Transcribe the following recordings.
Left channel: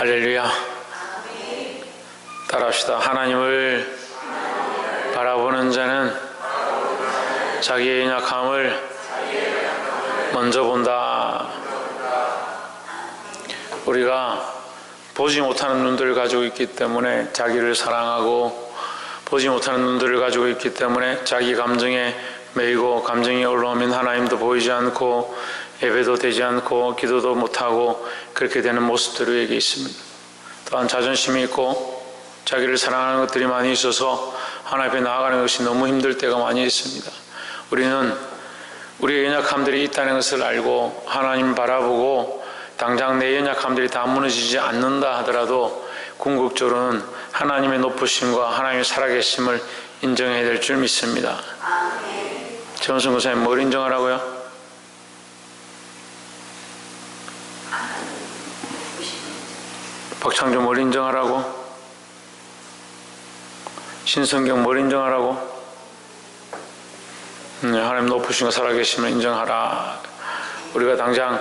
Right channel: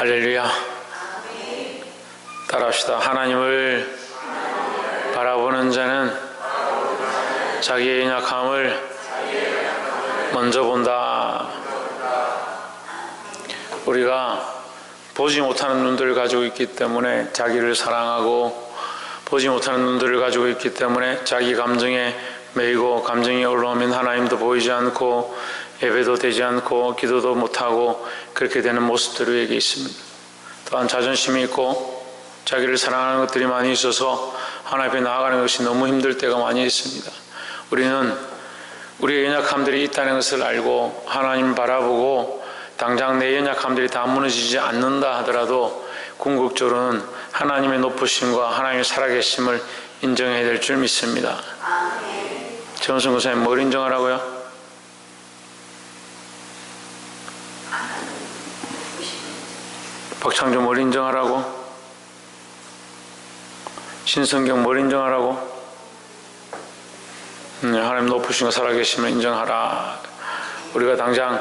할렐루야. 따라합시다. 하나님을 바라보는 자는 자기의 연약함을 먼저 본다. 우리가 보지 못하는 눈들을 가지고 있기 때문에 자기를 사랑하고, 보지 못하는 눈들을 가지고 있기 때문에 자기 감정에 매이고, 감정이 올라오면 하나님도 보이지 않고 예배도 되지 않고 기도도 못하고 그렇게 되는 모습들이 우리에게 있습니다. 또한 자존심이 있고 자기를 사랑하는 것들이 많이 있어서 하나님 앞에 나아가는 것이 너무 힘들 때가 많이 있습니다. 우리는 우리의 연약함들이 있다는 것을 알고 하나님 바라보고, 당장 내 연약함들이 다 무너지지 않는다 하더라도 궁극적으로는 하나님의 높으심과 하나님의 살아계심을 인정해야 될 줄 믿습니다. 최원순 권사님, 뭘 인정하라고요? 박창조 뭘 인정하라고? 신성경 뭘 인정하라고? 하나님 높으신 살아계심을 인정하라. 우리가 당장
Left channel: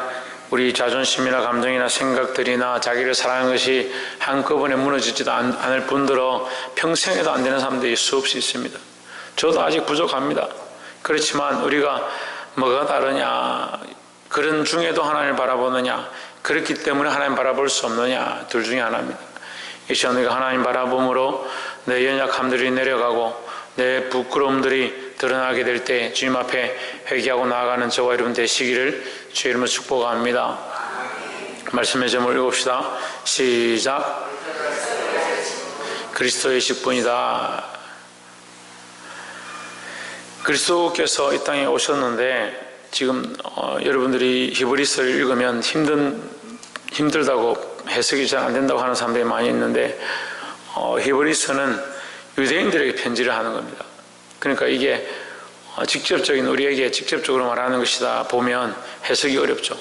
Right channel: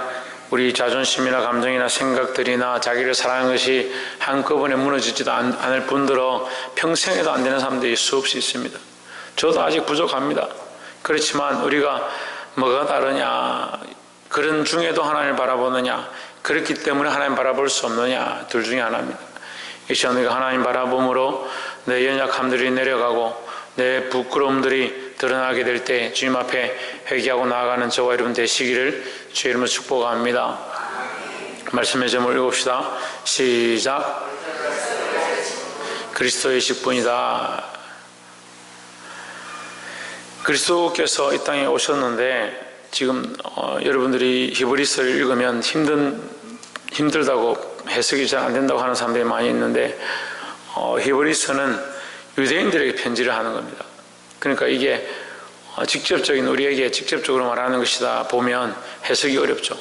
우리 자존심이나 감정이나 생각들이나 자기를 사랑하는 것이 한꺼번에 무너지지도 않을 뿐더러 평생에도 안 되는 사람들이 수없이 있습니다. 저도 아직 부족합니다. 그렇지만 우리가 뭐가 다르냐, 그런 중에도 하나님을 바라보느냐, 그렇기 때문에 하나님 바라볼 수 없느냐, 둘 중에 하나입니다. 이 시간 우리가 하나님 바라봄으로 내 연약함들이 내려가고 내 부끄러움들이 드러나게 될 때 주님 앞에 회개하고 나아가는 저와 여러분 되시기를 주의 이름으로 축복합니다. 말씀의 제목을 읽읍시다. 시작. 그리스도의 직분이다. 그리스도께서 이 땅에 오셨는데, 지금 여러분들이 히브리서를 읽으면 힘들다고 해석이 잘 안 된다고 하는 사람들이 많이 있는데, 히브리서는 유대인들에게 편지를 하는 겁니다. 그러니까 이게 직접적인, 우리에게 직접적으로 말하는 것이다 보면 해석이 어렵죠.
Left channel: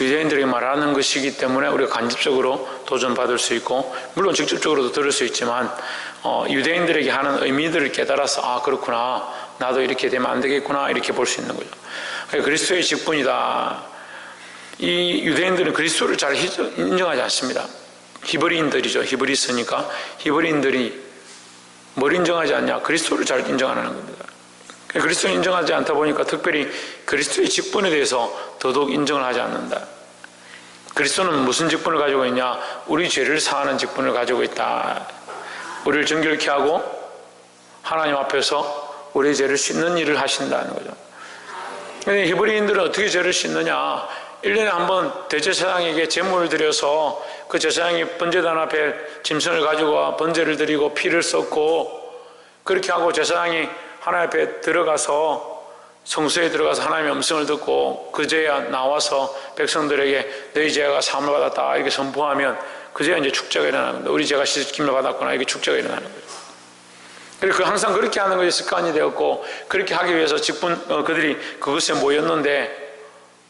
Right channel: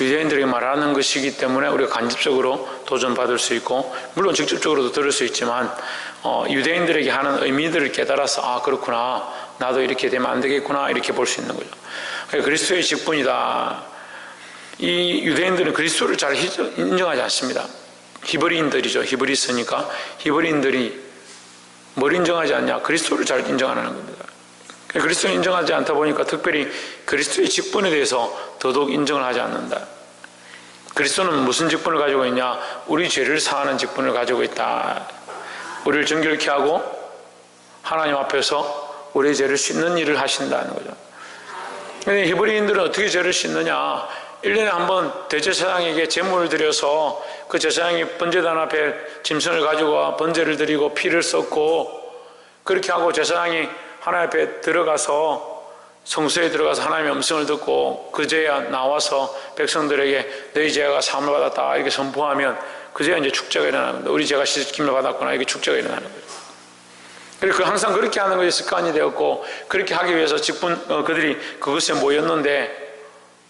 유대인들에게 말하는 것이기 때문에 우리가 간접적으로 도전받을 수 있고, 물론 직접적으로도 들을 수 있지만 유대인들에게 하는 의미들을 깨달아서 아, 그렇구나, 나도 이렇게 되면 안 되겠구나, 이렇게 볼 수 있는 거죠. 그리스도의 직분이다. 이 유대인들은 그리스도를 잘 인정하지 않습니다. 히브리인들이죠. 히브리서니까 히브리인들이 뭘 인정하지 않냐? 그리스도를 잘 인정 안 하는 겁니다. 그리스도를 인정하지 않다 보니까 특별히 그리스도의 직분에 대해서 더더욱 인정을 하지 않는다. 그리스도는 무슨 직분을 가지고 있냐? 우리 죄를 사하는 직분을 가지고 있다. 우리를 정결케 하고 하나님 앞에서 우리의 죄를 씻는 일을 하신다는 거죠. 근데 히브리인들은 어떻게 죄를 씻느냐? 1년에 한 번 대제사장에게 제물을 드려서 그 제사장이 번제단 앞에 짐승을 가지고 와 번제를 드리고 피를 쏟고, 그렇게 하고 제사장이 하나님 앞에 들어가서 성소에 들어가서 하나님의 음성을 듣고 그제야 나와서 백성들에게 너희 죄가 사함을 받았다 이렇게 선포하면 그제야 이제 축제가 일어나는 겁니다. 우리 죄가 씻김을 받았구나, 이렇게 축제가 일어나는 거예요. 그리고 항상 그렇게 하는 것이 습관이 되었고, 그렇게 하기 위해서 그들이 그것에 모였는데,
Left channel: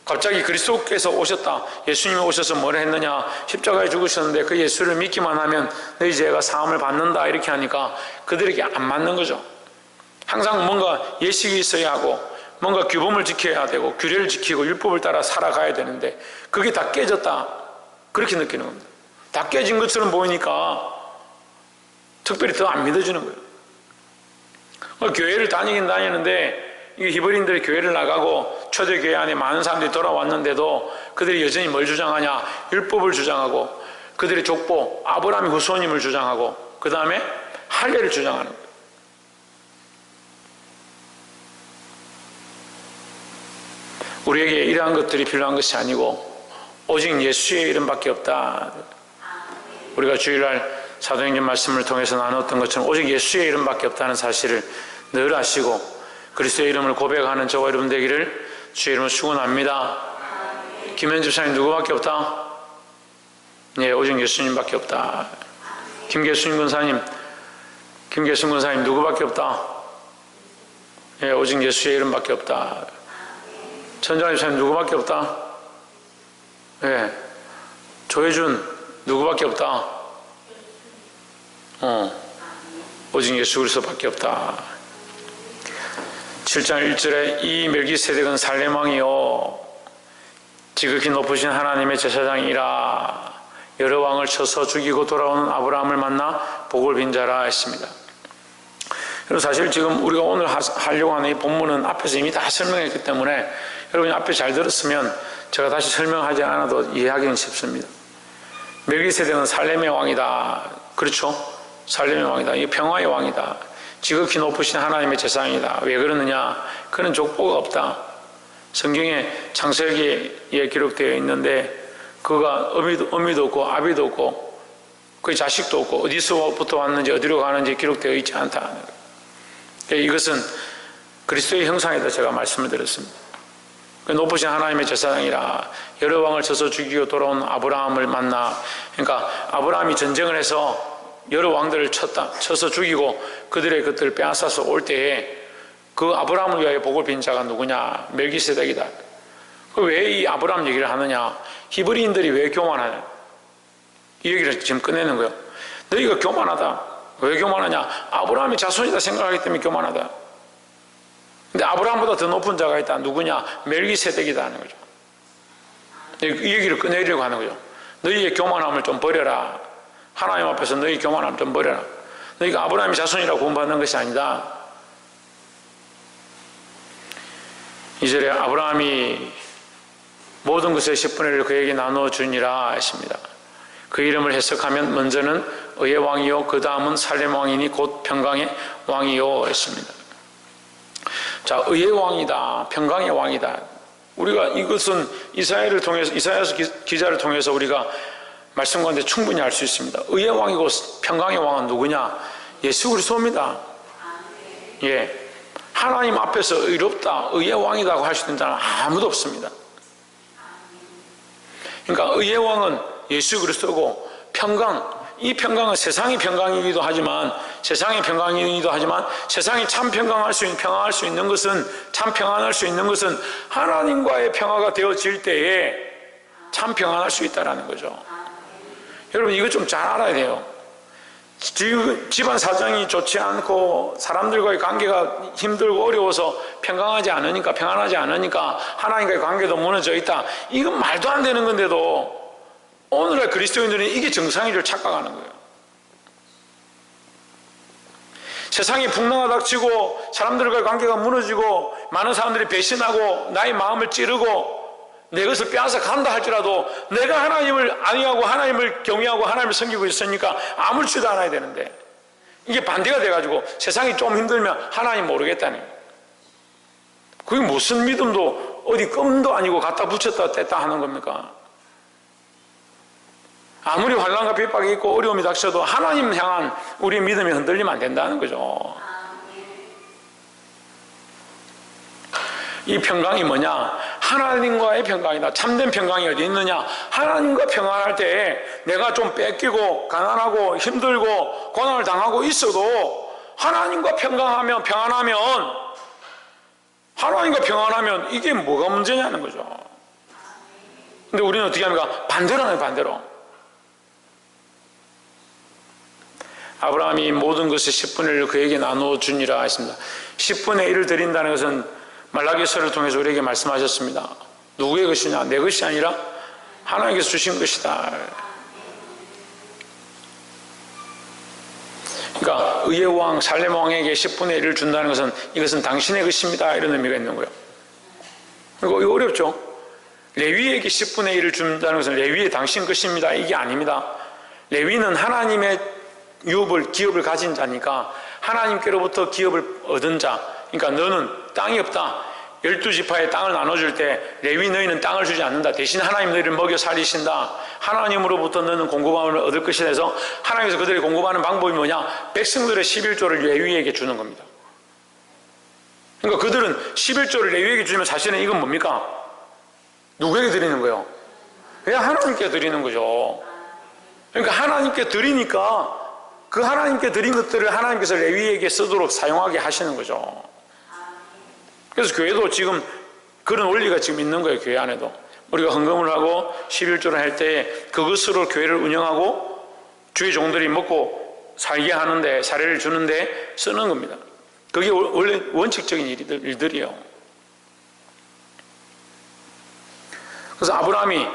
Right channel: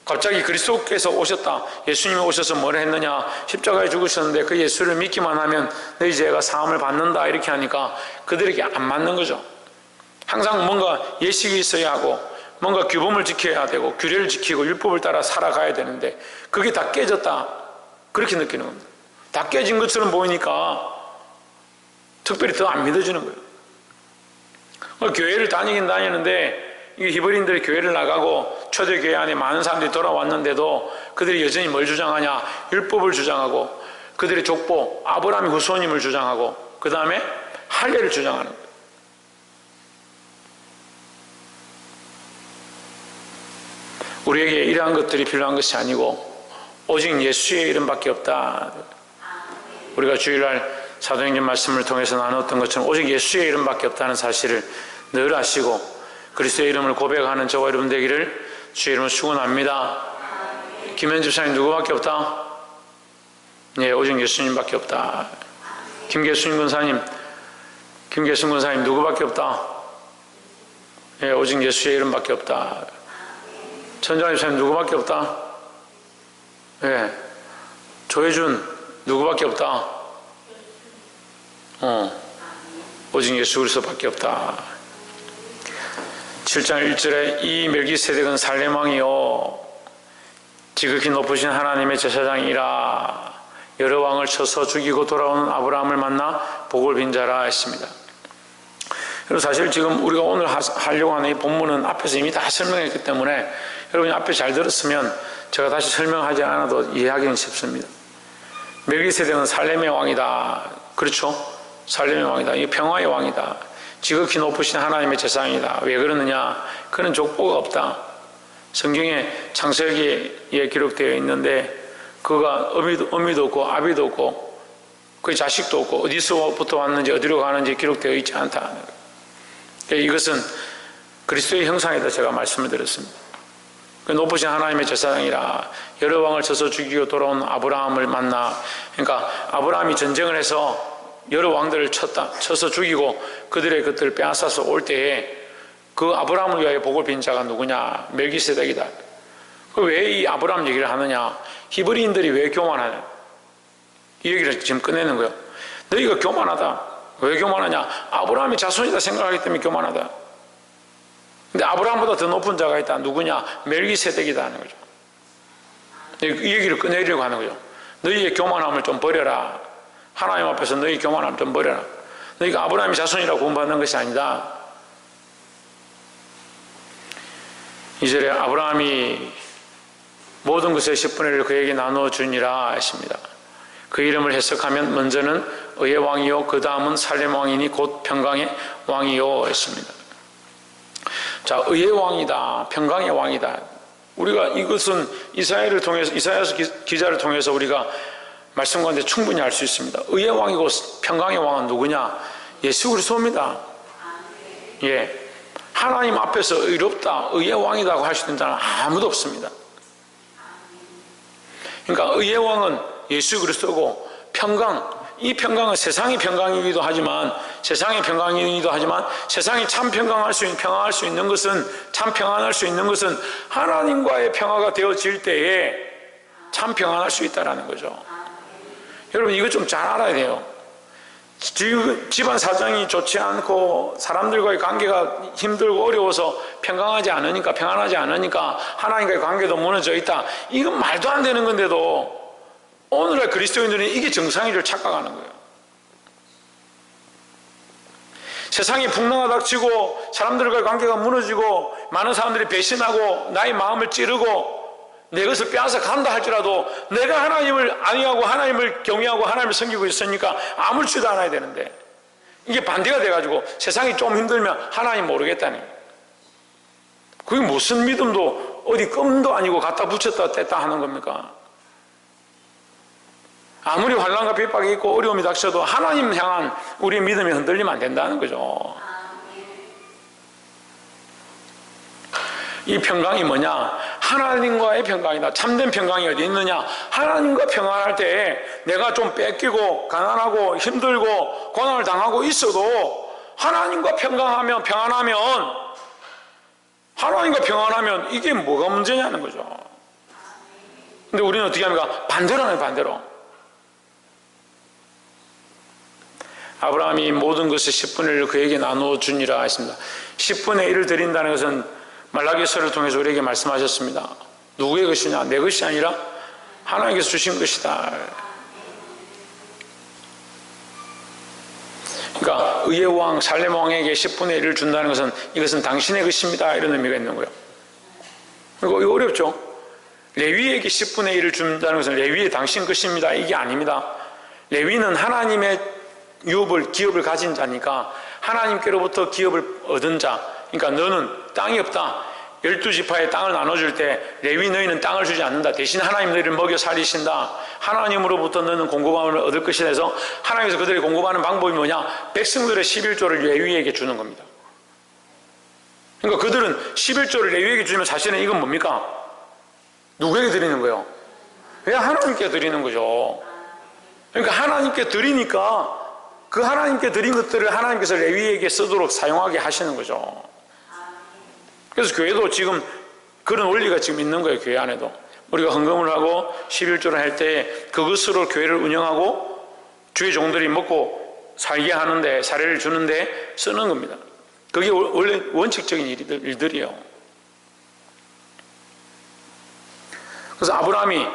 갑자기 그리스도께서 오셨다, 예수님이 오셔서 뭘 했느냐, 십자가에 죽으셨는데 그 예수를 믿기만 하면 너희 죄가 사함을 받는다 이렇게 하니까 그들에게 안 맞는 거죠. 항상 뭔가 예식이 있어야 하고 뭔가 규범을 지켜야 되고 규례를 지키고 율법을 따라 살아가야 되는데 그게 다 깨졌다, 그렇게 느끼는 겁니다. 다 깨진 것처럼 보이니까 특별히 더 안 믿어지는 거예요. 교회를 다니긴 다니는데 이 히브리인들이 교회를 나가고 초대교회 안에 많은 사람들이 돌아왔는데도 그들이 여전히 뭘 주장하냐? 율법을 주장하고 그들의 족보 아브라함의 후손임을 주장하고 그 다음에 할례를 주장하는 거예요. 우리에게 이러한 것들이 필요한 것이 아니고 오직 예수의 이름밖에 없다. 우리가 주일날 사도행전 말씀을 통해서 나눴던 것처럼 오직 예수의 이름밖에 없다는 사실을 늘 아시고 그리스도의 이름을 고백하는 저와 여러분 되기를 주의 이름으로 축원합니다. 김현 집사님 누구밖에 없다? 네, 오직 예수님밖에 없다. 김계순 권사님 누구밖에 없다? 네, 오직 예수의 이름밖에 없다. 천정환 집사님 누구밖에 없다? 네, 조혜준 누구밖에 없다? 오직 예수 그리스도밖에 없다. 7장 1절에 이 멜기세덱은 살렘 왕이요 지극히 높으신 하나님의 제사장이라 여러 왕을 쳐서 죽이고 돌아오는 아브라함을 만나 복을 빈 자라 했습니다. 그리고 사실 지금 우리가 오늘 하려고 하는 이 본문은 앞에서 이미 다 설명했기 때문에 여러분이 앞에 잘 들었으면 제가 다시 설명하지 않아도 이해하기는 쉽습니다. 멜기세덱은 살렘의 왕이다. 그렇죠? 살렘의 왕이다. 이 평화의 왕이다. 지극히 높으신 하나님의 제사장이다. 왜 그러느냐? 그는 족보가 없다. 성경에 창세기에 기록되어 있는데 그가 어미도 없고 아비도 없고 그의 자식도 없고 어디서부터 왔는지 어디로 가는지 기록되어 있지 않다. 이것은 그리스도의 형상이다 제가 말씀을 드렸습니다. 높으신 하나님의 제사장이라 여러 왕을 쳐서 죽이고 돌아온 아브라함을 만나, 그러니까 아브라함이 전쟁을 해서 여러 왕들을 쳐서 죽이고 그들의 것들을 빼앗아서 올 때에 그 아브라함을 위하여 복을 빈 자가 누구냐? 멜기세덱이다. 왜 이 아브라함 얘기를 하느냐? 히브리인들이 왜 교만하냐? 이 얘기를 지금 꺼내는 거예요. 너희가 교만하다. 왜 교만하냐? 아브라함이 자손이다 생각하기 때문에 교만하다. 근데 아브라함보다 더 높은 자가 있다. 누구냐? 멜기세덱이다 하는 거죠. 이 얘기를 꺼내려고 하는 거죠. 너희의 교만함을 좀 버려라. 하나님 앞에서 너희 교만함을 좀 버려라. 너희가 아브라함이 자손이라고 구원받는 것이 아니다. 이절에 아브라함이 모든 것의 10분의 1을 그에게 나누어 주니라 했습니다. 그 이름을 해석하면 먼저는 의의 왕이요 그 다음은 살렘 왕이니 곧 평강의 왕이요 했습니다. 자, 의의 왕이다, 평강의 왕이다. 우리가 이것은 이사야서 기자를 통해서 우리가 말씀 가운데 충분히 알 수 있습니다. 의의 왕이고 평강의 왕은 누구냐? 예수 그리스도입니다. 예, 하나님 앞에서 의롭다, 의의 왕이라고 할 수 있는 자는 아무도 없습니다. 그러니까 의의 왕은 예수 그리스도고 평강, 이 평강은 세상의 평강이기도 하지만 세상이 참 평안할 수 있는 것은 참 평안할 수 있는 것은 하나님과의 평화가 되어질 때에 참 평안할 수 있다는 거죠. 여러분 이거 좀 잘 알아야 돼요. 집안 사정이 좋지 않고 사람들과의 관계가 힘들고 어려워서 평안하지 않으니까 하나님과의 관계도 무너져 있다. 이건 말도 안 되는 건데도 오늘날 그리스도인들은 이게 정상인 줄 착각하는 거예요. 세상이 풍랑이 닥치고 사람들과의 관계가 무너지고 많은 사람들이 배신하고 나의 마음을 찌르고 내 것을 빼앗아 간다 할지라도 내가 하나님을 아니하고 하나님을 경외하고 하나님을 섬기고 있으니까 아무렇지도 않아야 되는데 이게 반대가 돼가지고 세상이 좀 힘들면 하나님 모르겠다는 거예요. 그게 무슨 믿음도 어디 껌도 아니고 갖다 붙였다 뗐다 하는 겁니까? 아무리 환난과 핍박이 있고 어려움이 닥쳐도 하나님 향한 우리의 믿음이 흔들리면 안 된다는 거죠. 이 평강이 뭐냐? 하나님과의 평강이다. 참된 평강이 어디 있느냐? 하나님과 평안할 때 내가 좀 뺏기고 가난하고 힘들고 고난을 당하고 있어도 하나님과 평안하면 이게 뭐가 문제냐는 거죠. 근데 우리는 어떻게 합니까? 반대로 하는 반대로. 아브라함이 모든 것의 10분의 1을 그에게 나누어 주니라 했습니다. 10분의 1을 드린다는 것은 말라기서를 통해서 우리에게 말씀하셨습니다. 누구의 것이냐? 내 것이 아니라 하나님께서 주신 것이다. 그러니까 의의 왕 살렘 왕에게 10분의 1을 준다는 것은 이것은 당신의 것입니다 이런 의미가 있는 거예요. 이거 어렵죠? 레위에게 10분의 1을 준다는 것은 레위의 당신 것입니다 이게 아닙니다. 레위는 하나님의 기업을 가진 자니까 하나님께로부터 기업을 얻은 자. 그러니까 너는 땅이 없다. 12지파에 땅을 나눠줄 때 레위 너희는 땅을 주지 않는다. 대신 하나님 너희를 먹여 살리신다. 하나님으로부터 너는 공급함을 얻을 것이라 해서 하나님께서 그들이 공급하는 방법이 뭐냐? 백성들의 11조를 레위에게 주는 겁니다. 그러니까 그들은 11조를 레위에게 주면 사실은 이건 뭡니까? 누구에게 드리는 거예요? 왜 하나님께 드리는 거죠. 그러니까 하나님께 드리니까 그 하나님께 드린 것들을 하나님께서 레위에게 쓰도록 사용하게 하시는 거죠. 그래서 교회도 지금 그런 원리가 지금 있는 거예요. 교회 안에도 우리가 헌금을 하고 11조를 할 때 그것으로 교회를 운영하고 주의 종들이 먹고 살게 하는데 사례를 주는데 쓰는 겁니다. 그게 원래 원칙적인 일들이에요. 그래서 아브라함이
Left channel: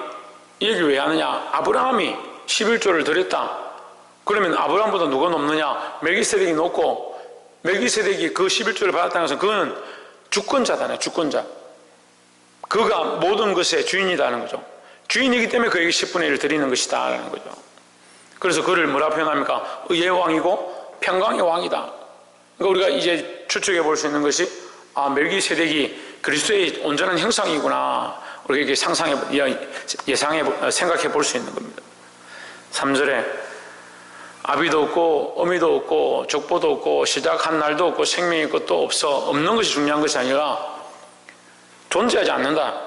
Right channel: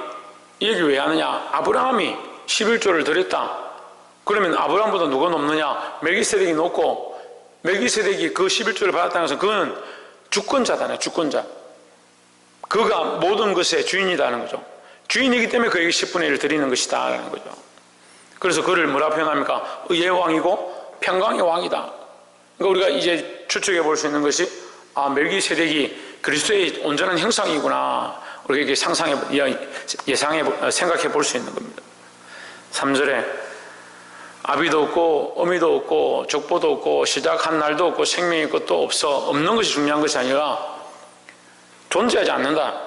이 얘기를 왜 하느냐? 아브라함이 11조를 드렸다. 그러면 아브라함보다 누가 높느냐? 멜기세덱이 높고, 멜기세덱이 그 11조를 받았다는 것은 그는 주권자잖아요. 주권자. 그가 모든 것의 주인이라는 거죠. 주인이기 때문에 그에게 10분의 1을 드리는 것이다 라는 거죠. 그래서 그를 뭐라 표현합니까? 의의 왕이고 평강의 왕이다. 그러니까 우리가 이제 추측해 볼 수 있는 것이, 아, 멜기세덱이 그리스도의 온전한 형상이구나. 우리가 이렇게 생각해 볼 수 있는 겁니다. 3절에 아비도 없고 어미도 없고 족보도 없고 시작한 날도 없고 생명의 것도 없는 것이 중요한 것이 아니라 존재하지 않는다.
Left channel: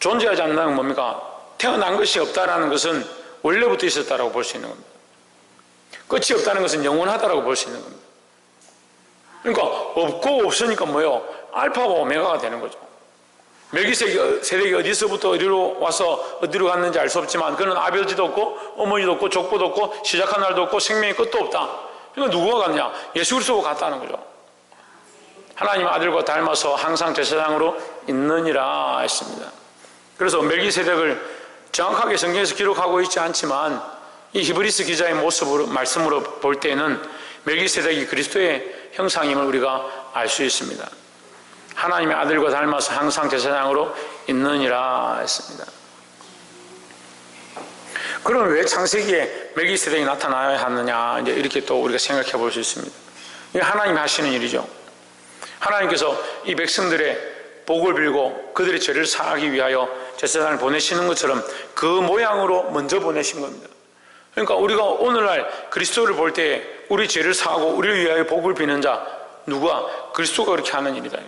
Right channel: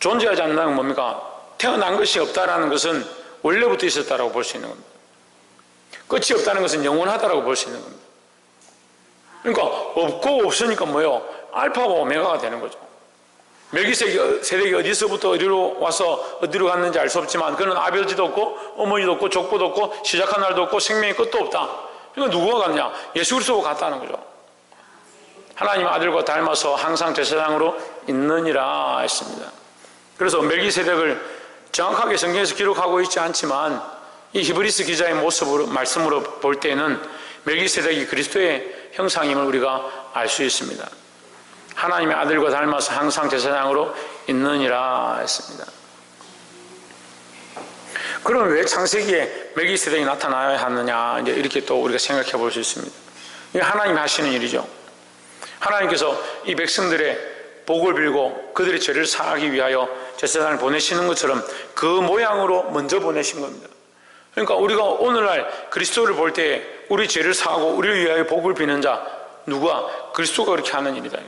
존재하지 않는다는 건 뭡니까? 태어난 것이 없다라는 것은 원래부터 있었다라고 볼 수 있는 겁니다. 끝이 없다는 것은 영원하다라고 볼 수 있는 겁니다. 그러니까 없고 없으니까 뭐예요? 알파와 오메가가 되는 거죠. 멜기세덱이 어디서부터 어디로 와서 어디로 갔는지 알 수 없지만 그는 아버지도 없고 어머니도 없고 족보도 없고 시작한 날도 없고 생명의 끝도 없다. 그러니까 누구가 갔냐? 예수 그리스도가 갔다는 거죠. 하나님 아들과 닮아서 항상 제사장으로 있느니라 했습니다. 그래서 멜기세덱을 정확하게 성경에서 기록하고 있지 않지만 이 히브리서 기자의 모습으로 말씀으로 볼 때는 멜기세덱이 그리스도의 형상임을 우리가 알 수 있습니다. 하나님의 아들과 닮아서 항상 제사장으로 있느니라 했습니다. 그럼 왜 창세기에 멜기세덱이 나타나야 하느냐, 이제 이렇게 또 우리가 생각해 볼 수 있습니다. 이게 하나님이 하시는 일이죠. 하나님께서 이 백성들의 복을 빌고 그들의 죄를 사하기 위하여 제사장을 보내시는 것처럼 그 모양으로 먼저 보내신 겁니다. 그러니까 우리가 오늘날 그리스도를 볼 때 우리 죄를 사하고 우리를 위하여 복을 비는 자, 누구야? 그리스도가 그렇게 하는 일이다.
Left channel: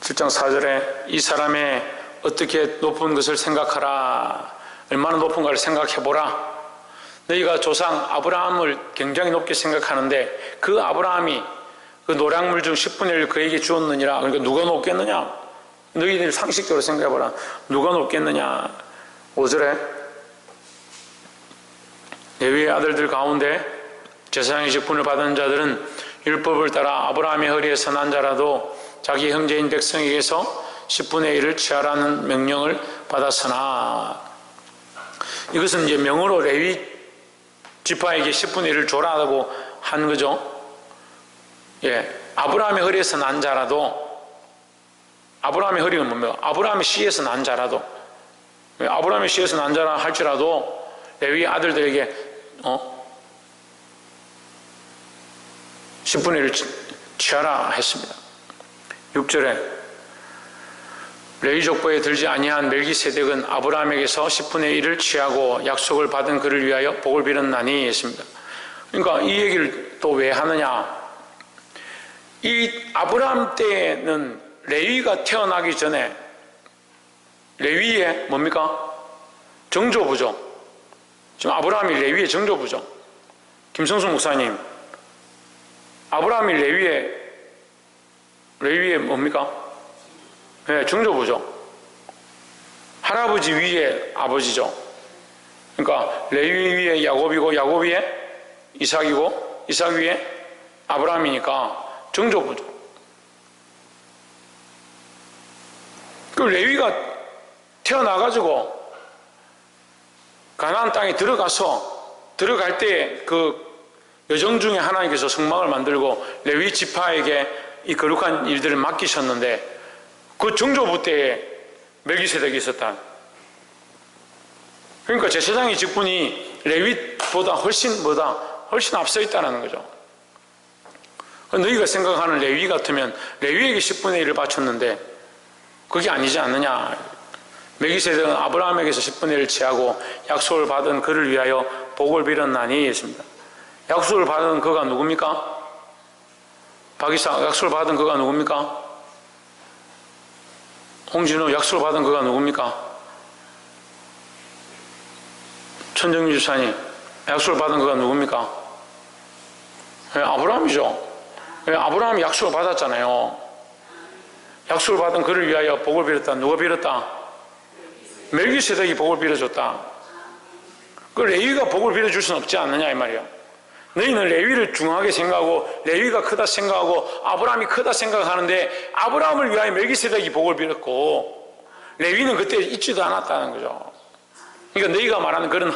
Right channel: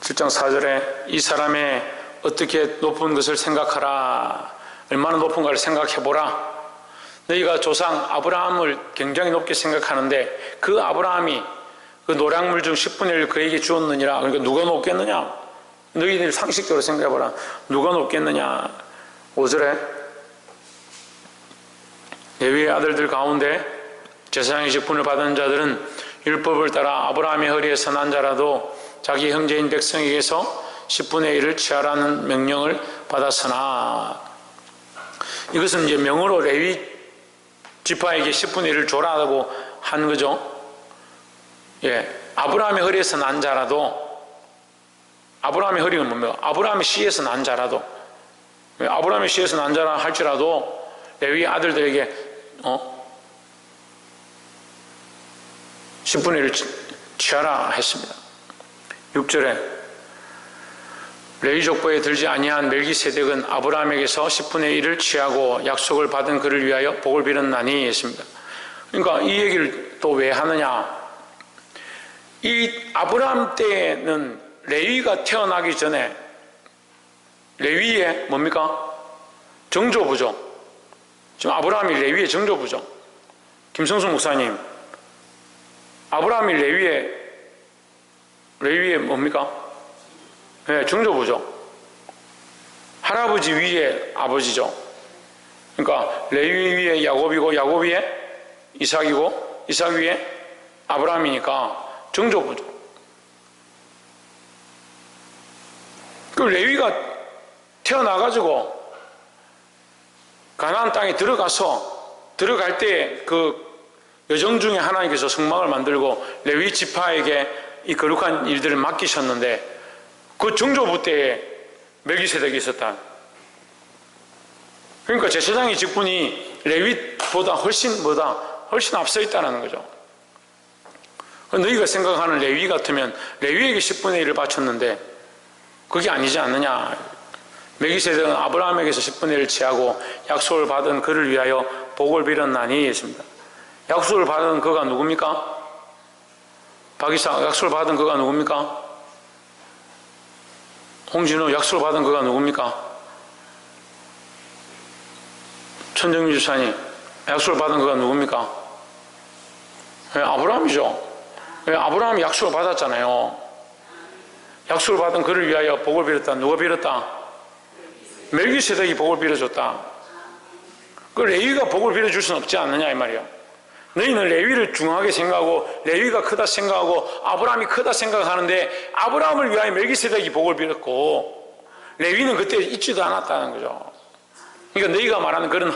7장 4절에 이 사람의 어떻게 높은 것을 생각하라. 얼마나 높은가를 생각해보라. 너희가 조상 아브라함을 굉장히 높게 생각하는데 그 아브라함이 그 노량물 중 10분의 1을 그에게 주었느니라. 그러니까 누가 높겠느냐? 너희들 상식적으로 생각해보라. 누가 높겠느냐? 5절에 레위의 아들들 가운데 제사장의 직분을 받은 자들은 율법을 따라 아브라함의 허리에서 난 자라도 자기 형제인 백성에게서 10분의 1을 취하라는 명령을 받았으나, 이것은 이제 명으로 레위 지파에게 10분의 1을 줘라고 한 거죠. 예, 아브라함의 허리에서 난 자라도, 아브라함의 허리는 뭡니까? 아브라함의 씨에서 난 자라도, 아브라함의 씨에서 난 자라 할지라도 레위 아들들에게 10분의 1을 취하라 했습니다. 6절에 레위 족보에 들지 아니한 멜기세덱은 아브라함에게서 10분의 1을 취하고 약속을 받은 그를 위하여 복을 빌었나니 했습니다. 그러니까 이 얘기를 또 왜 하느냐? 이 아브라함 때는 레위가 태어나기 전에 레위의 뭡니까? 정조부죠. 지금 아브라함이 레위의 정조부죠. 김성수 목사님, 아브라함이 레위의 뭡니까? 네, 정조부죠. 할아버지 위에 아버지죠. 그러니까 레위 위에 야곱이고 야곱 위에 이삭이고 이삭 위에 아브라함이니까 정조부죠. 그 레위가 태어나가지고 가나안 땅에 들어갈 때 그 여정 중에 하나님께서 성막을 만들고 레위 지파에게 이 거룩한 일들을 맡기셨는데 그 정조부 때에 멜기세덱이 있었다. 그러니까 제사장의 직분이 레위보다 훨씬 앞서 있다는 거죠. 너희가 생각하는 레위 같으면 레위에게 10분의 1을 바쳤는데 그게 아니지 않느냐. 멜기세덱은 아브라함에게서 10분의 1을 취하고 약속을 받은 그를 위하여 복을 빌었나니 했습니다. 약속을 받은 그가 누굽니까? 박이사, 약속을 받은 그가 누굽니까? 홍진우, 약속을 받은 그가 누굽니까? 천정미 주사님, 약속을 받은 그가 누굽니까? 네, 아브라함이죠. 네, 아브라함이 약속을 받았잖아요. 약속을 받은 그를 위하여 복을 빌었다. 누가 빌었다? 멜기세덱이 복을 빌어줬다. 그 레위가 복을 빌어줄 수는 없지 않느냐 이 말이야. 너희는 레위를 중요하게 생각하고 레위가 크다 생각하고 아브라함이 크다 생각하는데 아브라함을 위하여 멜기세덱이 복을 빌었고 레위는 그때 있지도 않았다는 거죠. 그러니까 너희가 말하는 그런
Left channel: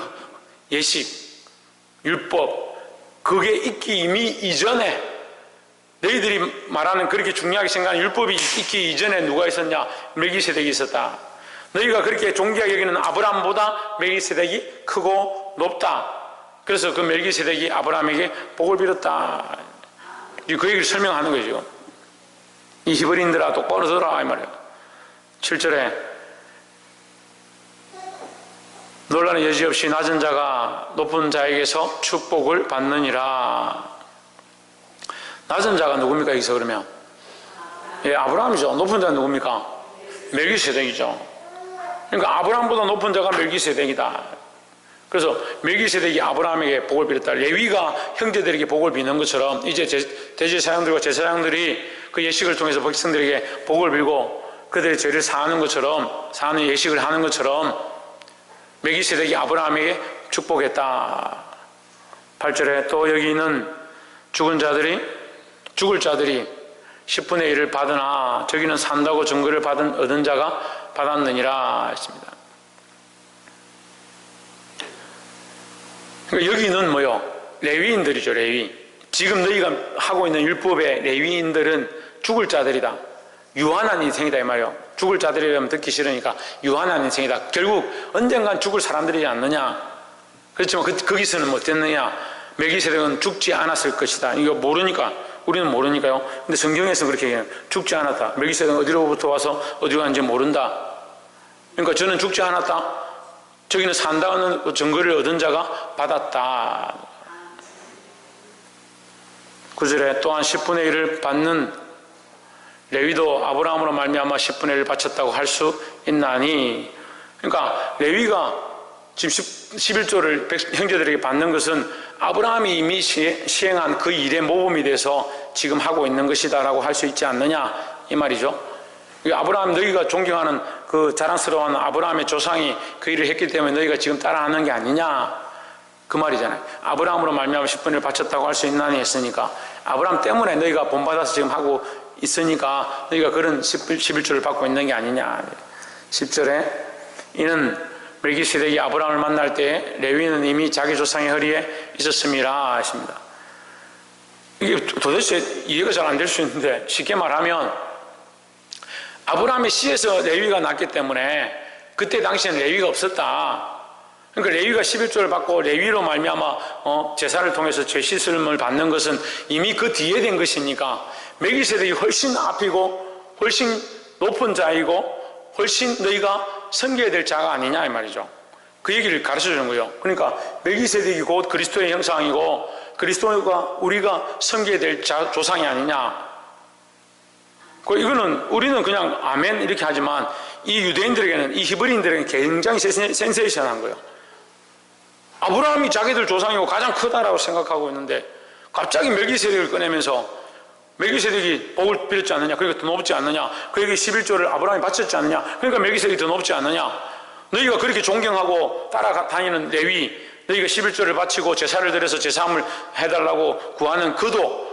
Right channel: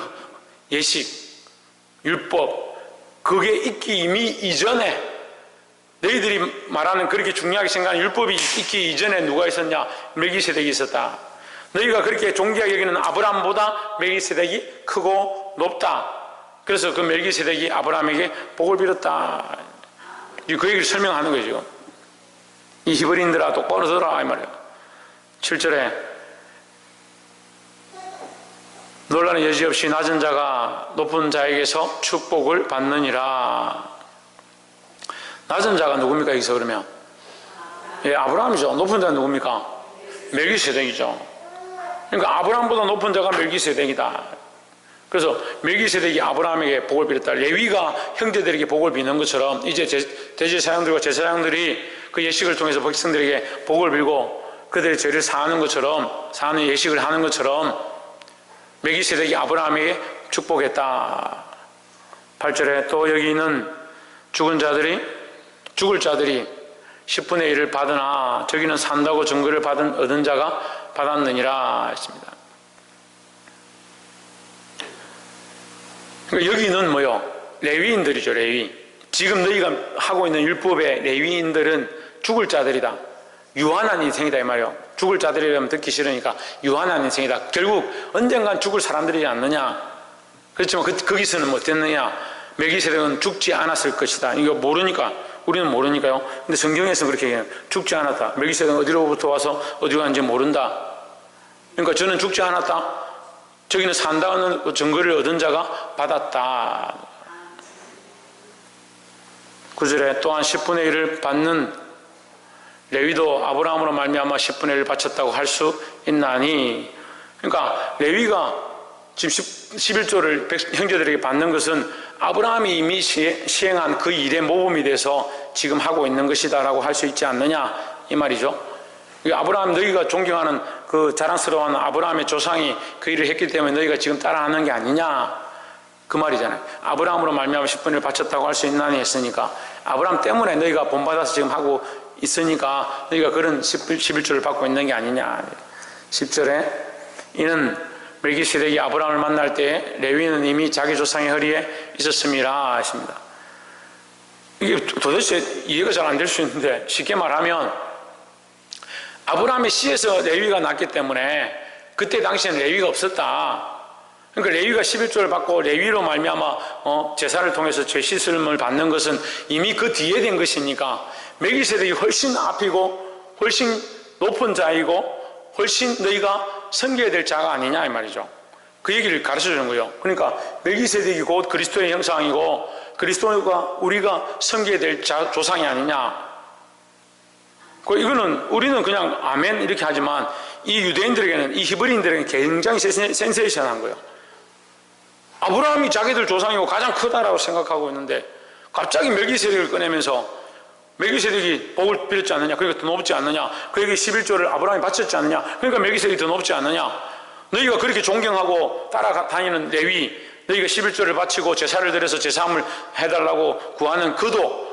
예식, 율법, 그게 있기 이미 이전에, 너희들이 말하는 그렇게 중요하게 생각하는 율법이 있기 이전에 누가 있었냐? 멜기세덱이 있었다. 너희가 그렇게 존귀하게 여기는 아브라함보다 멜기세덱이 크고 높다. 그래서 그 멜기세덱이 아브라함에게 복을 빌었다. 그 얘기를 설명하는 거죠. 이 히브리인들아 똑바로 들어라 이 말이에요. 7절에 논란의 여지 없이 낮은 자가 높은 자에게서 축복을 받느니라. 낮은 자가 누굽니까 여기서 그러면? 예, 아브라함이죠. 높은 자는 누굽니까? 멜기세덱이죠. 그러니까 아브라함보다 높은 자가 멜기세덱이다. 그래서 멜기세덱이 아브라함에게 복을 빌었다. 레위가 형제들에게 복을 비는 것처럼 이제 대제사장들과 제사장들이 그 예식을 통해서 백성들에게 복을 빌고 그들의 죄를 사하는 것처럼, 사하는 예식을 하는 것처럼 멜기세덱이 아브라함에게 축복했다. 8절에 또 여기 있는 죽을 자들이 10분의 1을 받으나 저기는 산다고 증거를 얻은 자가 받았느니라 했습니다. 그러니까 여기는 뭐요? 레위인들이죠. 레위. 지금 너희가 하고 있는 율법의 레위인들은 죽을 자들이다. 유한한 인생이다 이 말이요. 죽을 자들이라면 듣기 싫으니까 유한한 인생이다. 결국 언젠간 죽을 사람들이지 않느냐. 그렇지만 거기서는 뭐 됐느냐. 멜기세덱은 죽지 않았을 것이다. 이거 모르니까, 우리는 모르니까요. 근데 성경에서 그렇게 얘기해요. 죽지 않았다. 멜기세덱은 어디로부터 와서 어디로 갔는지 모른다. 그러니까 저는 죽지 않았다. 저기는 산다는 증거를 얻은 자가 받았다. 9절에 또한 10분의 1을 받는 레위도 아브라함으로 말미암아 10분의 1을 바쳤다고 할 수 있나니. 그러니까 레위가 지금 11조를 형제들에게 받는 것은 아브라함이 이미 시행한 그 일의 모범이 돼서 지금 하고 있는 것이다 라고 할 수 있지 않느냐 이 말이죠. 아브라함, 너희가 존경하는 그 자랑스러운 아브라함의 조상이 그 일을 했기 때문에 너희가 지금 따라하는 게 아니냐 그 말이잖아요. 아브라함으로 말미암아 10분을 바쳤다고 할 수 있나니 했으니까 아브라함 때문에 너희가 본받아서 지금 하고 있으니까 너희가 그런 11조를 받고 있는 게 아니냐. 10절에 이는 멜기세덱이 아브라함을 만날 때 레위는 이미 자기 조상의 허리에 있었음이라 하십니다. 이게 도대체 이해가 잘 안 될 수 있는데 쉽게 말하면 아브라함의 씨에서 레위가 났기 때문에 그때 당시에는 레위가 없었다. 그러니까 레위가 11조를 받고 레위로 말미암아 제사를 통해서 죄 씻음을 받는 것은 이미 그 뒤에 된 것이니까 멜기세덱이 훨씬 앞이고 훨씬 높은 자이고 훨씬 너희가 섬겨야 될 자가 아니냐 이 말이죠. 그 얘기를 가르쳐 주는 거예요. 그러니까 멜기세덱이 곧 그리스도의 형상이고 그리스도가 우리가 섬겨야 될 조상이 아니냐. 이거는 우리는 그냥 아멘 이렇게 하지만 이 유대인들에게는, 이 히브리인들에게는 굉장히 센세이션한 거예요. 아브라함이 자기들 조상이고 가장 크다라고 생각하고 있는데 갑자기 멜기세덱을 꺼내면서 멜기세덱이 복을 빌었지 않느냐, 그러니까 더 높지 않느냐, 그에게 11조를 아브라함이 바쳤지 않느냐, 그러니까 멜기세덱이 더 높지 않느냐. 너희가 그렇게 존경하고 따라다니는 레위, 너희가 11조를 바치고 제사를 드려서 제사함을 해달라고 구하는 그도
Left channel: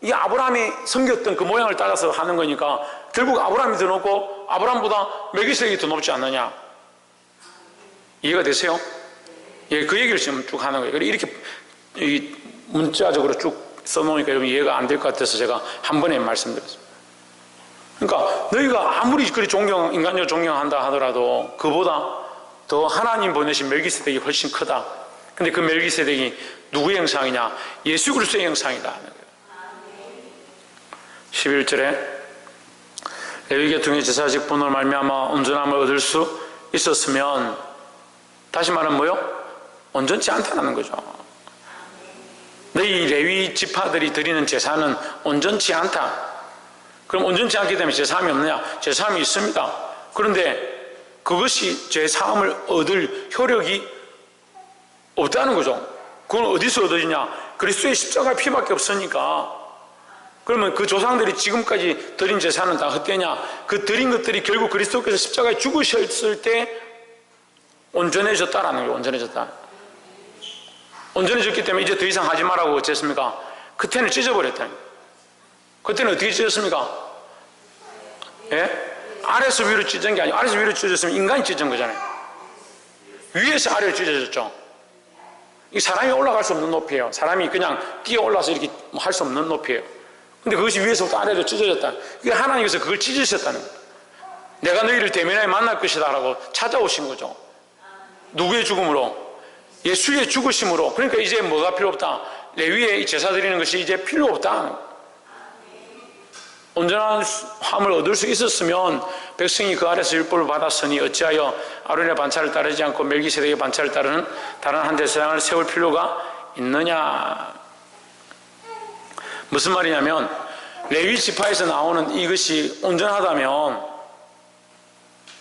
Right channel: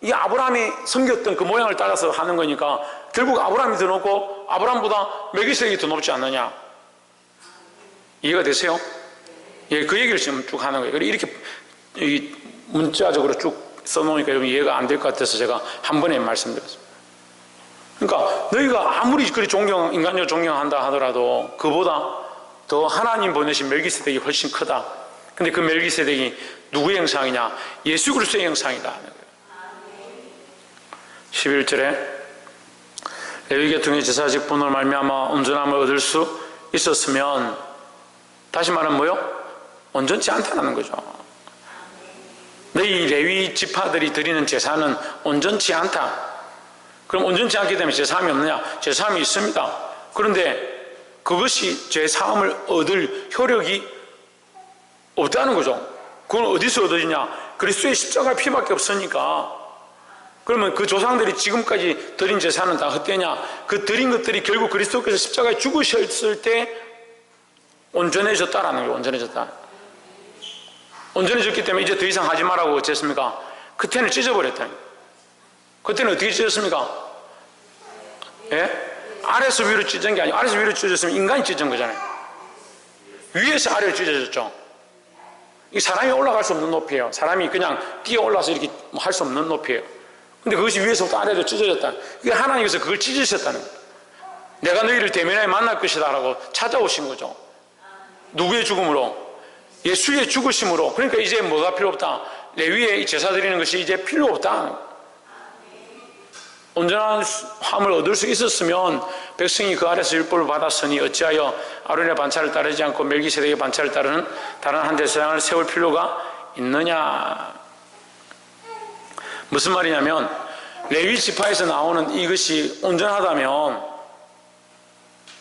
이 아브라함이 섬겼던 그 모양을 따라서 하는 거니까 결국 아브라함이 더 높고 아브라함보다 멜기세덱이 더 높지 않느냐. 이해가 되세요? 예, 그 얘기를 지금 쭉 하는 거예요. 이렇게 문자적으로 쭉 써놓으니까 좀 이해가 안 될 것 같아서 제가 한 번에 말씀드렸습니다. 그러니까 너희가 아무리 그리 인간적으로 존경한다 하더라도 그보다 더 하나님 보내신 멜기세덱이 훨씬 크다. 근데 그 멜기세덱이 누구의 형상이냐? 예수 그리스도의 형상이다. 11절에 레위 계통의 제사직 분으로 말미암아 온전함을 얻을 수 있었으면, 다시 말하면 뭐요? 온전치 않다는 거죠. 너희 레위 지파들이 드리는 제사는 온전치 않다. 그럼 온전치 않기 때문에 제사함이 없느냐? 제사함이 있습니다. 그런데 그것이 제사함을 얻을 효력이 없다는 거죠. 그건 어디서 얻어지냐? 그리스도의 십자가 피밖에 없으니까. 그러면 그 조상들이 지금까지 드린 제사는 다 헛되냐? 그 드린 것들이 결국 그리스도께서 십자가에 죽으셨을 때 온전해졌다라는 거예요. 온전해졌다. 온전해졌기 때문에 이제 더 이상 하지 말라고 어쨌습니까? 그때는 찢어버렸다. 그때는 어떻게 찢었습니까? 예? 아래서 위로 찢은 게 아니고 아래서 위로 찢어졌으면 인간이 찢은 거잖아요. 위에서 아래로 찢어졌죠. 이 사람이 올라갈 수 없는 높이에요. 사람이 그냥 뛰어 올라서 이렇게 할 수 없는 높이에요. 근데 그것이 위에서부터 아래로 찢어졌다. 이게 하나님께서 그걸 찢으셨다는 거예요. 내가 너희를 대면하여 만날 것이다 라고 찾아오신 거죠. 누구의 죽음으로? 예수의 죽으심으로. 그러니까 이제 뭐가 필요 없다? 레위의 제사 드리는 것이 이제 필요 없다. 온전한 함을 얻을 수 있었으면 백성이 그 아래서 율법을 받았으니 어찌하여 아론의 반차를 따르지 않고 멜기세덱의 반차를 따르는 다른 한 제사장을 세울 필요가 있느냐. 무슨 말이냐면 레위 지파에서 나오는 이것이 온전하다면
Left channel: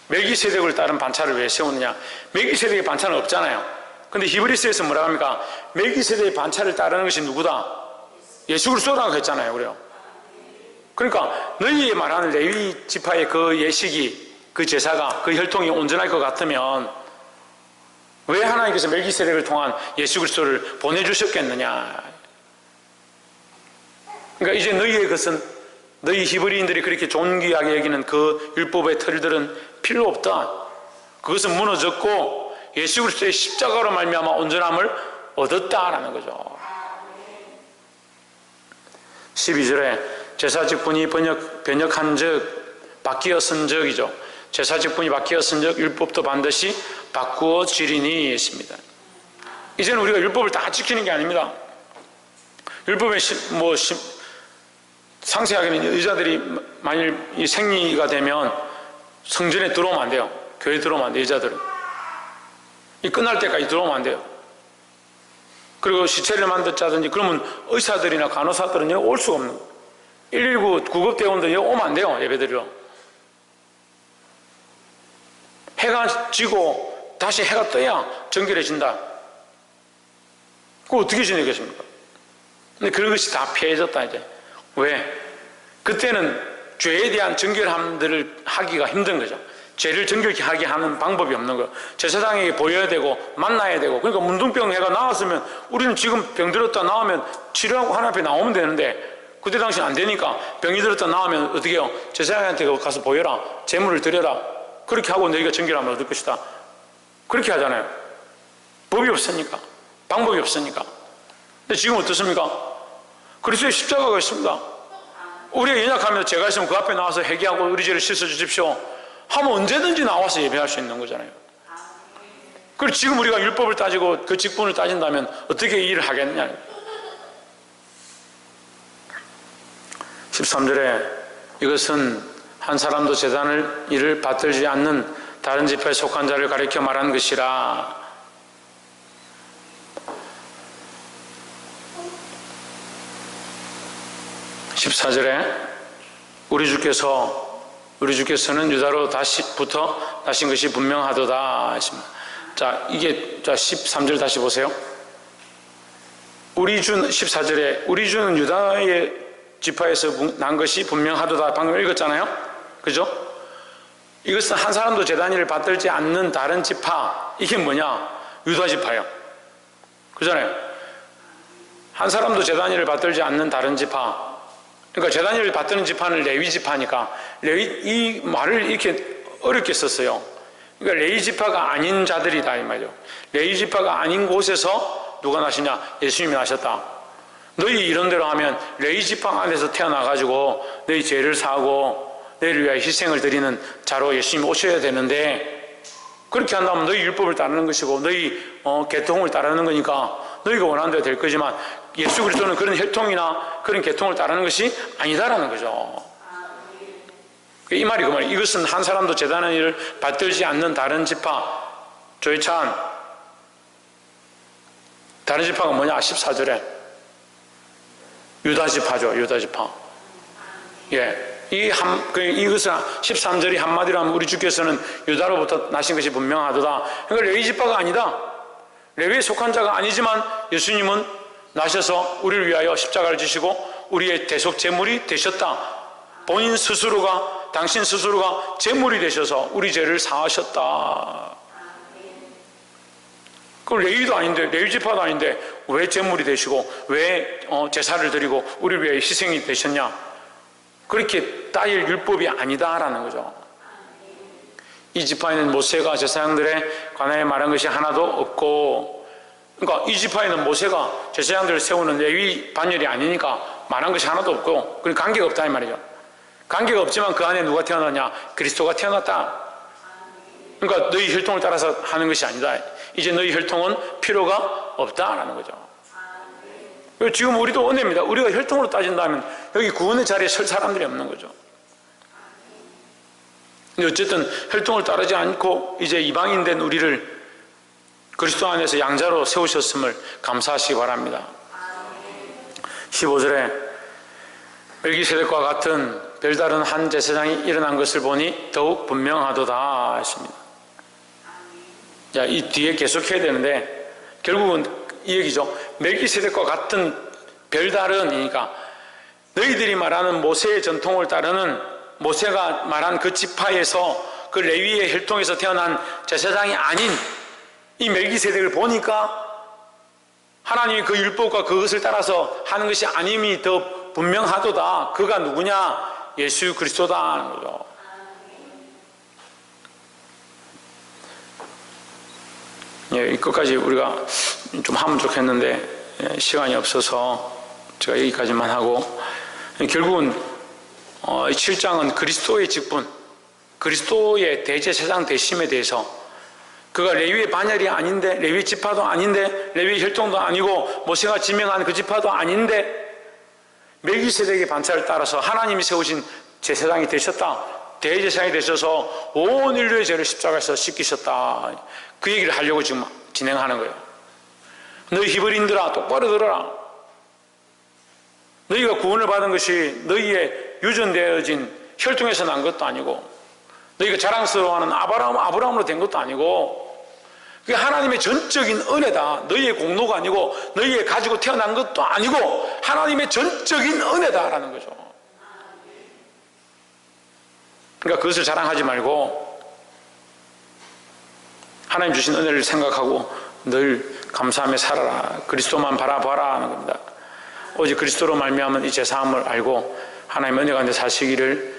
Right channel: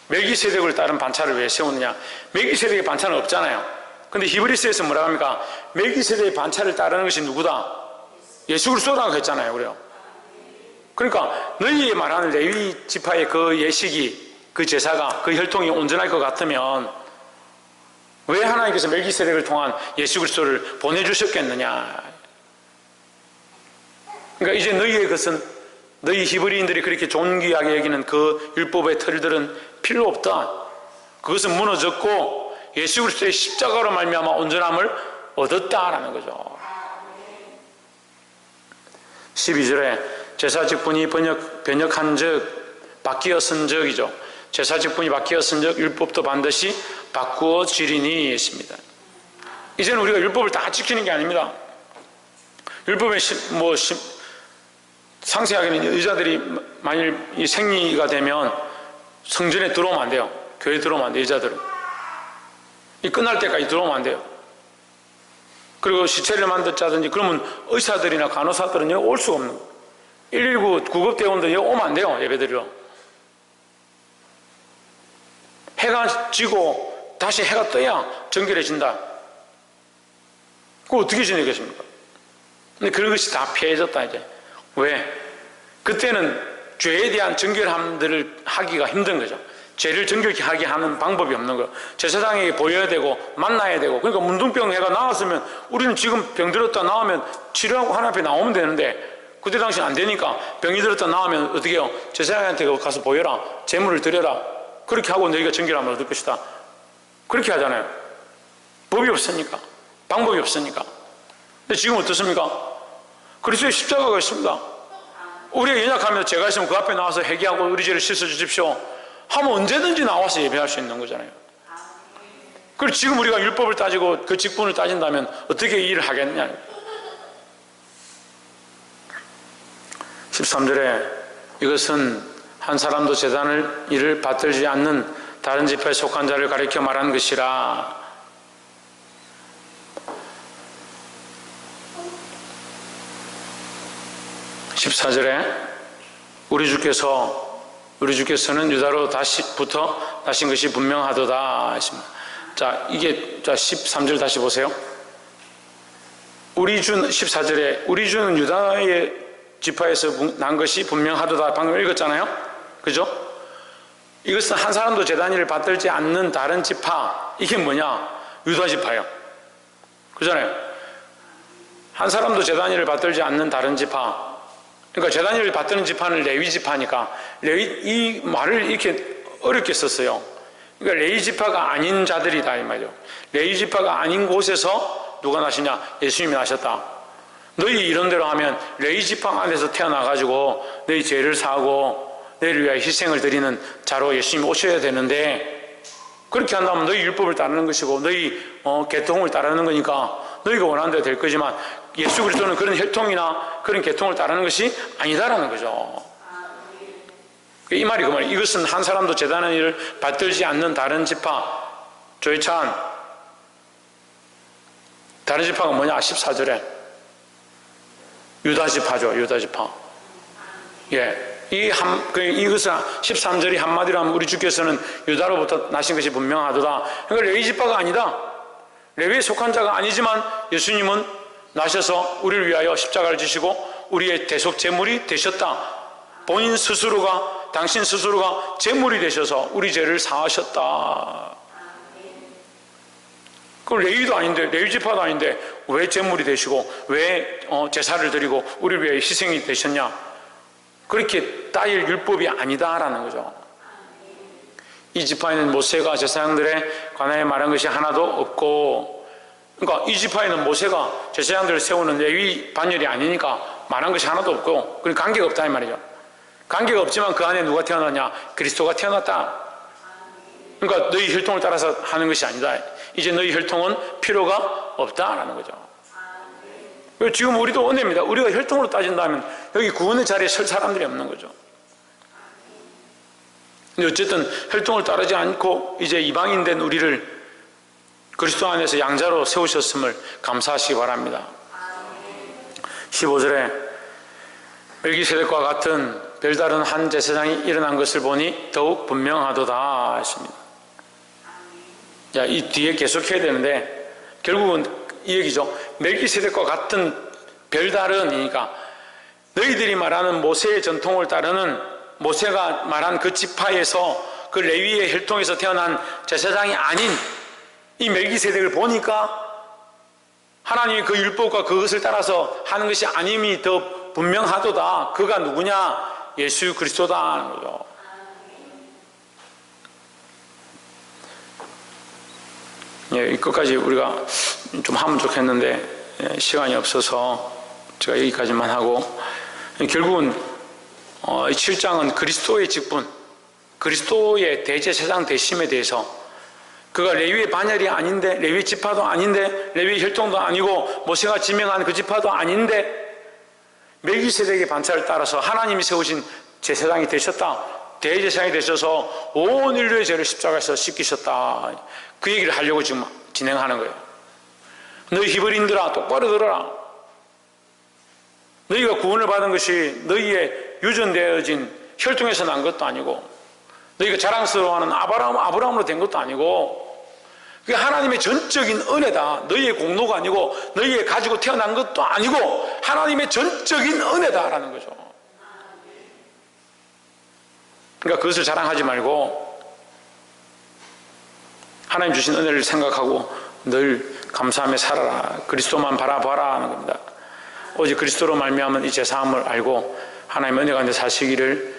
멜기세덱을 따른 반차를 왜 세우느냐. 멜기세덱의 반차는 없잖아요. 근데 히브리서에서 뭐라고 합니까? 멜기세덱의 반차를 따르는 것이 누구다? 예수 그리스도라고 했잖아요. 그래요. 그러니까 너희의 말하는 레위 지파의 그 예식이, 그 제사가, 그 혈통이 온전할 것 같으면 왜 하나님께서 멜기세덱을 통한 예수 그리스도를 보내주셨겠느냐. 그러니까 이제 너희의 것은, 너희 히브리인들이 그렇게 존귀하게 여기는 그 율법의 틀들은 필요 없다. 그것은 무너졌고 예수 그리스도의 십자가로 말미암아 온전함을 얻었다라는 거죠. 12절에 제사 직분이 변역한 즉 바뀌었은 적이죠. 제사 직분이 바뀌었은 적 율법도 반드시 바꾸어지리니 했습니다. 이제는 우리가 율법을 다 지키는 게 아닙니다. 율법에 상세하게는 여자들이 만일 이 생리가 되면 성전에 들어오면 안 돼요. 교회에 들어오면 안 돼요. 여자들은 이 끝날 때까지 들어오면 안 돼요. 그리고 시체를 만들자든지 그러면 의사들이나 간호사들은 여기 올 수가 없는 거예요. 119 구급대원들이 여기 오면 안 돼요. 예배드리러. 해가 지고 다시 해가 떠야 정결해진다. 그거 어떻게 지내겠습니까? 근데 그런 것이 다 폐해졌다 이제. 왜? 그때는 죄에 대한 정결함들을 하기가 힘든 거죠. 죄를 정결케 하게 하는 방법이 없는 거예요. 제사장에게 보여야 되고 만나야 되고. 그러니까 문둥병 해가 나왔으면 우리는 지금 병 들었다 나오면 치료하고 하나님 앞에 나오면 되는데 그때 당시는 안 되니까 병이 들었다 나오면 어떻게 해요? 제사장한테 가서 보여라. 제물을 드려라. 그렇게 하고 너희가 정결함을 얻을 것이다. 그렇게 하잖아요. 법이 없으니까. 방법이 없으니까. 근데 지금 어떻습니까? 그리스도의 십자가가 있습니다. 우리가 연약하면 죄가 있으면 그 앞에 나와서 회개하고 우리 죄를 씻어주십시오 하면 언제든지 나와서 예배할 수 있는 거잖아요. 그리고 지금 우리가 율법을 따지고 그 직분을 따진다면 어떻게 이 일을 하겠냐. 13절에 이것은 한 사람도 제단을 일을 받들지 않는 다른 지파에 속한 자를 가리켜 말한 것이라. 14절에 우리 주께서는 유다로 다시부터 나신 것이 분명하도다 했습니다. 자, 이게 13절 다시 보세요. 우리 주 14절에 우리 주는 유다의 지파에서 난 것이 분명하도다 방금 읽었잖아요. 그죠? 이것은 한 사람도 제단일을 받들지 않는 다른 지파. 이게 뭐냐? 유다 지파예요. 그잖아요. 한 사람도 제단일을 받들지 않는 다른 지파. 그러니까 제단일을 받드는 지파는 레위 지파니까 이 말을 이렇게 어렵게 썼어요. 그러니까 레위 지파가 아닌 자들이다 이 말이죠. 레위 지파가 아닌 곳에서 누가 나시냐? 예수님이 나셨다. 너희 이런 대로 하면 레위 지파 안에서 태어나가지고 너희 죄를 사고 너희를 위하여 희생을 드리는 자로 예수님이 오셔야 되는데 그렇게 한다면 너희 율법을 따르는 것이고 너희 계통을 따르는 거니까 너희가 원하는 대로 될 거지만 예수 그리스도는 그런 혈통이나 그런 계통을 따르는 것이 아니다라는 거죠. 이 말이 그 말이에요. 이것은 한 사람도 제단한 일을 받들지 않는 다른 지파. 조이찬 다른 지파가 뭐냐? 14절에 유다 지파죠. 유다 지파. 예. 이것은 13절이 한마디로 하면 우리 주께서는 유다로부터 나신 것이 분명하도다. 그러니까 레위 지파가 아니다. 레위에 속한 자가 아니지만 예수님은 나셔서 우리를 위하여 십자가를 지시고 우리의 대속 제물이 되셨다. 본인 스스로가, 당신 스스로가 제물이 되셔서 우리 죄를 사하셨다. 그 레위도 아닌데, 레위 지파도 아닌데 왜 제물이 되시고 왜 제사를 드리고 우리를 위해 희생이 되셨냐? 그렇게 따일 율법이 아니다라는 거죠. 이 지파에는 모세가 제사장들의 관하에 말한 것이 하나도 없고, 그러니까 이 지파에는 모세가 제사장들을 세우는 레위 반열이 아니니까 말한 것이 하나도 없고, 그러니까 관계가 없다 이 말이죠. 관계가 없지만 그 안에 누가 태어났냐? 그리스도가 태어났다. 그러니까 너희 혈통을 따라서 하는 것이 아니다. 이제 너희 혈통은 필요가 없다라는 거죠. 지금 우리도 은혜입니다. 우리가 혈통으로 따진다면 여기 구원의 자리에 설 사람들이 없는 거죠. 근데 어쨌든 혈통을 따르지 않고 이제 이방인 된 우리를 그리스도 안에서 양자로 세우셨음을 감사하시기 바랍니다. 15절에 멜기세덱과 같은 별다른 한 제사장이 일어난 것을 보니 더욱 분명하도다 했습니다. 자, 이 뒤에 계속해야 되는데 결국은 이 얘기죠. 멜기세덱과 같은 별다른이니까 너희들이 말하는 모세의 전통을 따르는, 모세가 말한 그 지파에서 그 레위의 혈통에서 태어난 제사장이 아닌 이 멜기세덱을 보니까 하나님이 그 율법과 그것을 따라서 하는 것이 아님이 더 분명하도다. 그가 누구냐? 예수 그리스도다 하는 거죠. 예, 끝까지 우리가 좀 하면 좋겠는데 시간이 없어서 제가 여기까지만 하고, 결국은 7장은 그리스도의 직분, 그리스도의 대제사장 되심에 대해서, 그가 레위의 반열이 아닌데, 레위 지파도 아닌데, 레위 혈통도 아니고, 모세가 지명한 그 지파도 아닌데 멜기세덱의 반차를 따라서 하나님이 세우신 제사장이 되셨다. 대제사장이 되셔서 온 인류의 죄를 십자가에서 씻기셨다. 그 얘기를 하려고 지금 진행하는 거예요. 너희 히브리인들아 똑바로 들어라. 너희가 구원을 받은 것이 너희의 유전되어진 혈통에서 난 것도 아니고, 너희가 자랑스러워하는 아브라함으로 된 것도 아니고, 그게 하나님의 전적인 은혜다. 너희의 공로가 아니고, 너희의 가지고 태어난 것도 아니고, 하나님의 전적인 은혜다라는 거죠. 그러니까 그것을 자랑하지 말고 하나님 주신 은혜를 생각하고 늘 감사하며 살아라. 그리스도만 바라봐라 하는 겁니다. 오직 그리스도로 말미암은 이 제사함을 알고 하나님의 은혜 가운데 사시기를,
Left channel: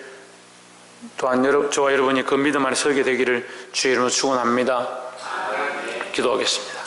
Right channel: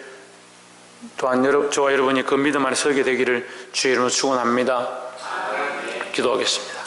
또한 저와 여러분이 그 믿음 안에 서게 되기를 주의 이름으로 축원합니다. 기도하겠습니다.